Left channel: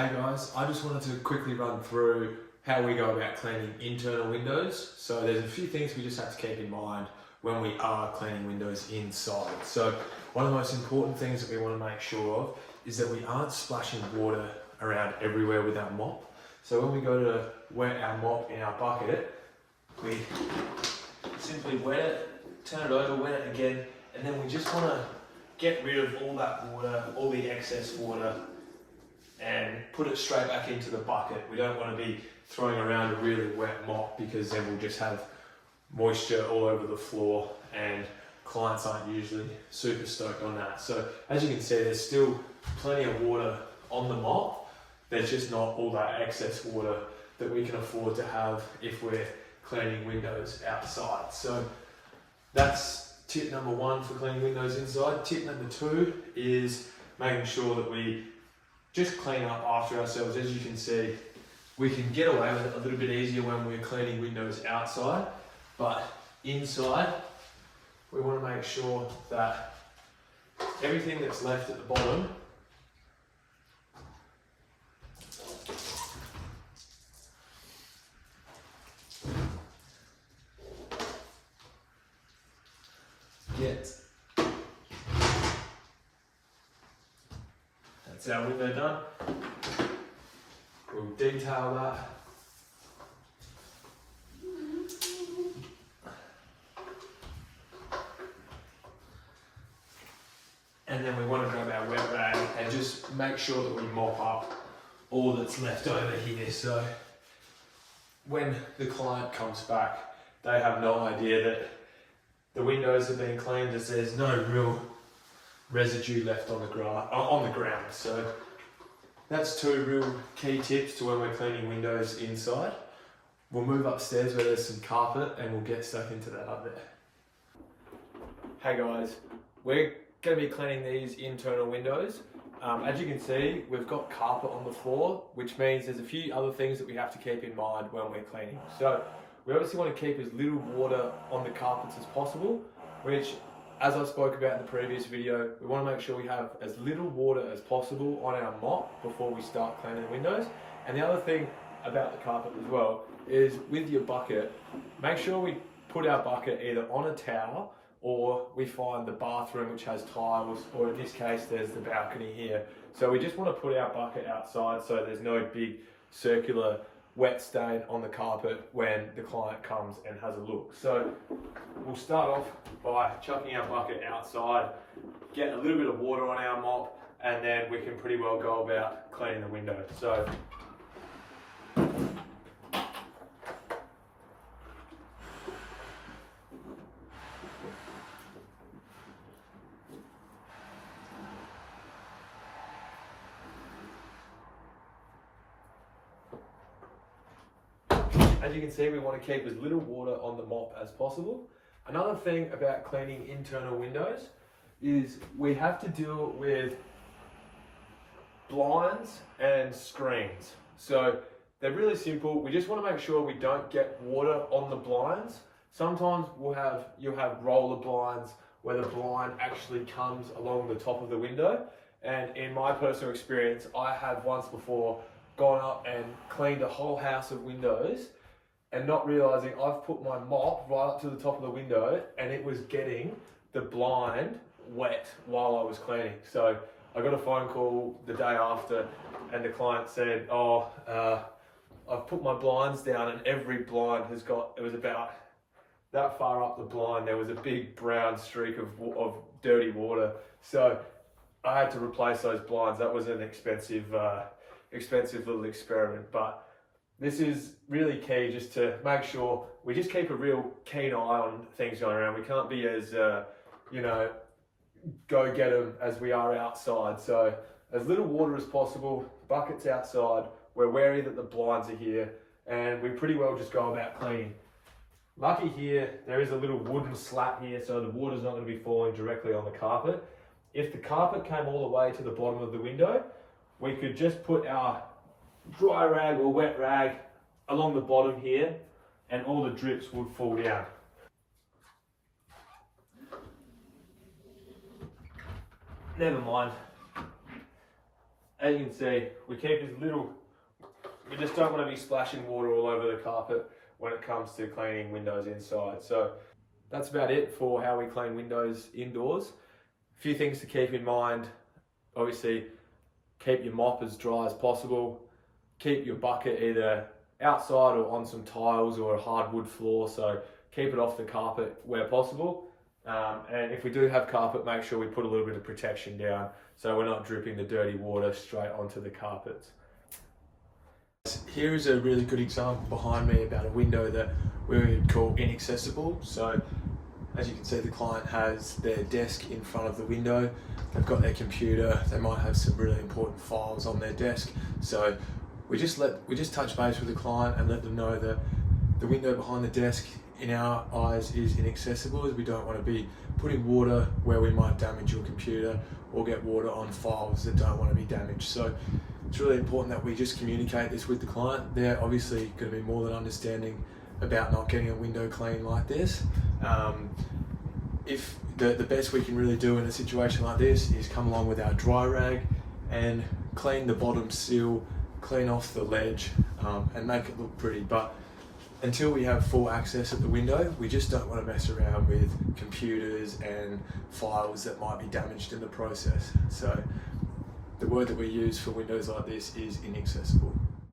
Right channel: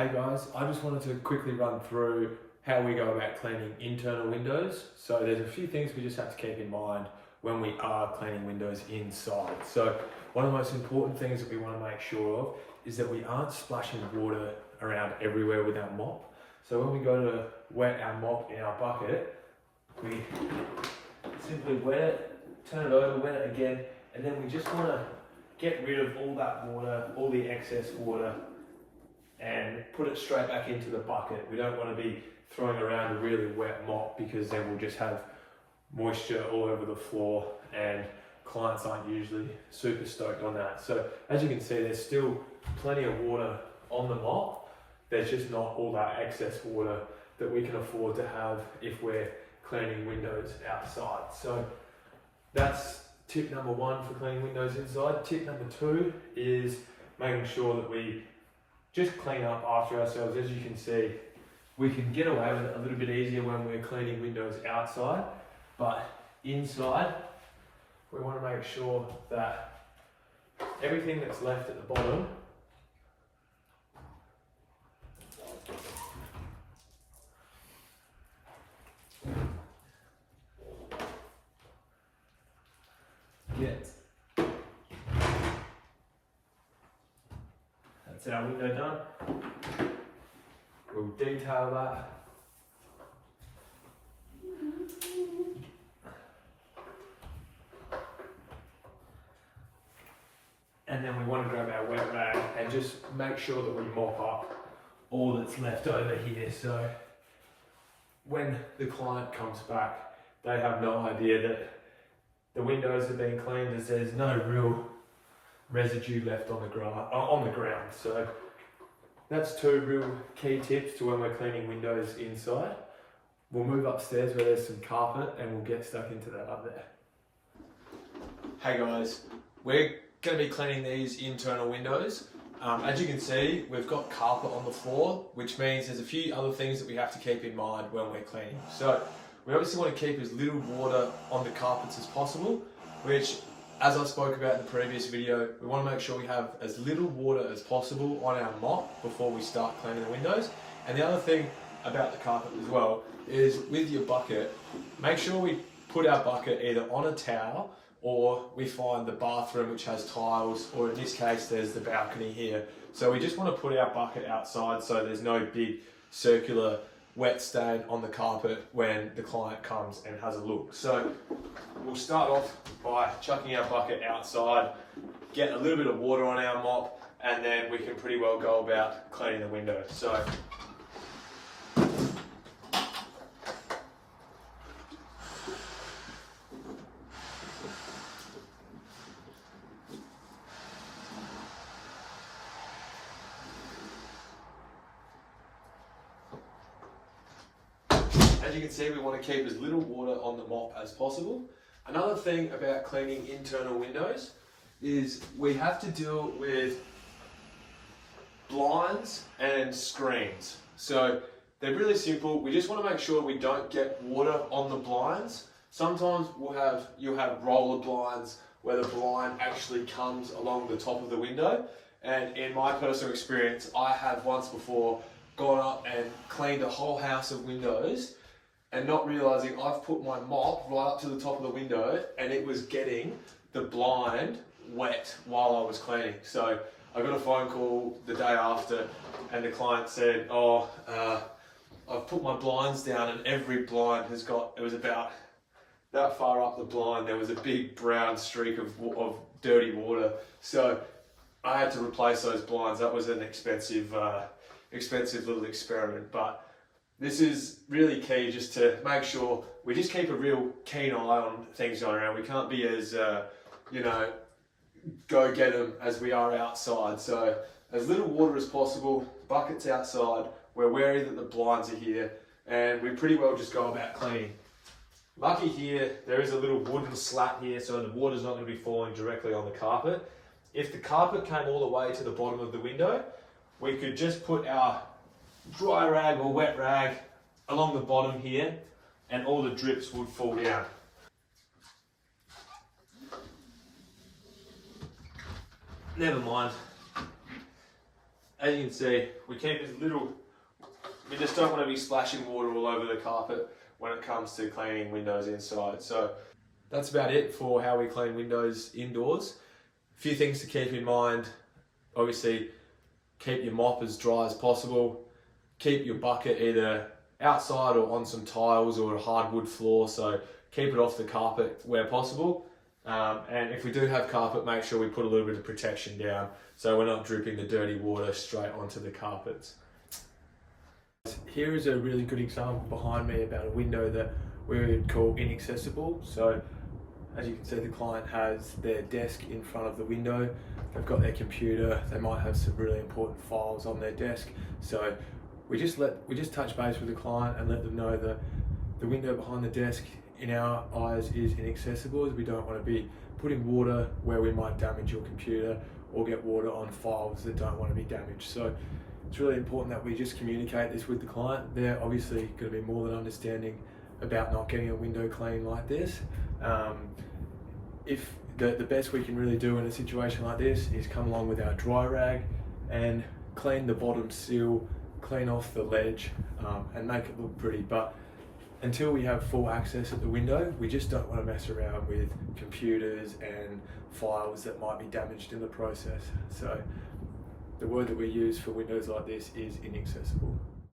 Hey guys, I just wanted to quickly run through how we go about cleaning internal windows. So there's a few things we just have to keep in mind when we are cleaning windows inside. So one of the most important things that we want to make sure of is that we aren't splashing water around everywhere with our mop. So when we go to wet our mop in our bucket, we simply wet it, turn it over, wet it again, and then we just want to get rid of all that water, all the excess water, and put it straight back into the bucket. We don't want to be throwing around a really wet mop because then we'll just have moisture all over the floor, and clients aren't usually super stoked on that. So as you can see, there's still plenty of water on the mop. There's just not all that excess water that we can afford to have if we're cleaning windows outside. So that's tip number one for cleaning windows inside. Tip number two is making sure that we just clean up after ourselves. As you can see, we can get away with it a little bit easier when we're cleaning windows outside, but inside, we want to make sure that everything that's left at the bottom gets. That's our window done. We'll detail that. And then we want to grab our wet rag and just make sure that we mop up all that's left over here. So when the client comes back, they have no idea that the windows have been cleaned, as there's no real residue left on the ground. So that's two real key tips to when we're cleaning windows inside. We'll move upstairs where there's some carpet and we'll get stuck into that up there. Hey guys, we're going to be cleaning these internal windows. As you can see, we've got carpet on the floor, which means there's a few other things that we have to keep in mind when we're cleaning. So we obviously want to keep as little water on the carpets as possible, which, as I spoke about in the previous video, we want to make sure we have as little water as possible on our mop before we start cleaning the windows. And the other thing about the carpet as well is with your bucket, make sure we put our bucket either on a towel, or we find the bathroom which has tiles, or in this case there's the balcony here. So we just want to put our bucket outside so there's no big circular wet stain on the carpet when the client comes and has a look. So we'll start off by chucking our bucket outside, get a little bit of water on our mop, and then we can pretty well go about cleaning the window. So as you can see, we want to keep as little water on the mop as possible. Another thing about cleaning internal windows is we have to deal with blinds and screens. So they're really simple. We just want to make sure we don't get water on the blinds. Sometimes you'll have roller blinds where the blind actually comes along the top of the window. And in my personal experience, I have once before gone up and cleaned a whole house of windows and not realizing I've put my mop right up to the top of the window and it was getting the blind wet while I was cleaning. So I got a phone call the day after and the client said, I've put my blinds down and every blind has got, it was about that far up the blind, there was a big brown streak of dirty water. So I had to replace those blinds. That was an expensive little experiment, but this is really key, just to make sure we just keep a real keen eye on things going around. We can't be as, go get them as we are outside. So as little water as possible, buckets outside, we're wary that the blinds are here, and we pretty well just go about cleaning. Lucky here, there is a little wooden slat here, so the water's not going to be falling directly on the carpet. If the carpet came all the way to the bottom of the window, we could just put our dry rag or wet rag along the bottom here and all the drips would fall down. Never mind. as you can see, we keep as little, we just don't want to be splashing water all over the carpet when it comes to cleaning windows inside. So that's about it for how we clean windows indoors. A few things to keep in mind. Obviously, keep your mop as dry as possible. Keep your bucket either outside or on some tiles or a hardwood floor, so keep it off the carpet where possible. And if we do have carpet, make sure we put a little bit of protection down so we're not dripping the dirty water straight onto the carpets. Here is a really good example behind me about a window that we would call inaccessible. So as you can see, the client has their desk in front of the window, they've got their computer, they might have some really important files on their desk. So we just touch base with the client and let them know that the window behind the desk in our eyes is inaccessible, as we don't want to be putting water where we might damage your computer or get water on files that don't want to be damaged. So it's really important that we just communicate this with the client. They're obviously going to be more than understanding about not getting a window clean like this. If the best we can really do in a situation like this is come along with our dry rag and clean the bottom sill, clean off the ledge, and make it look pretty. But until we have full access at the window, we just don't want to mess around with computers and files that might be damaged in the process. So the word that we use for windows like this is inaccessible.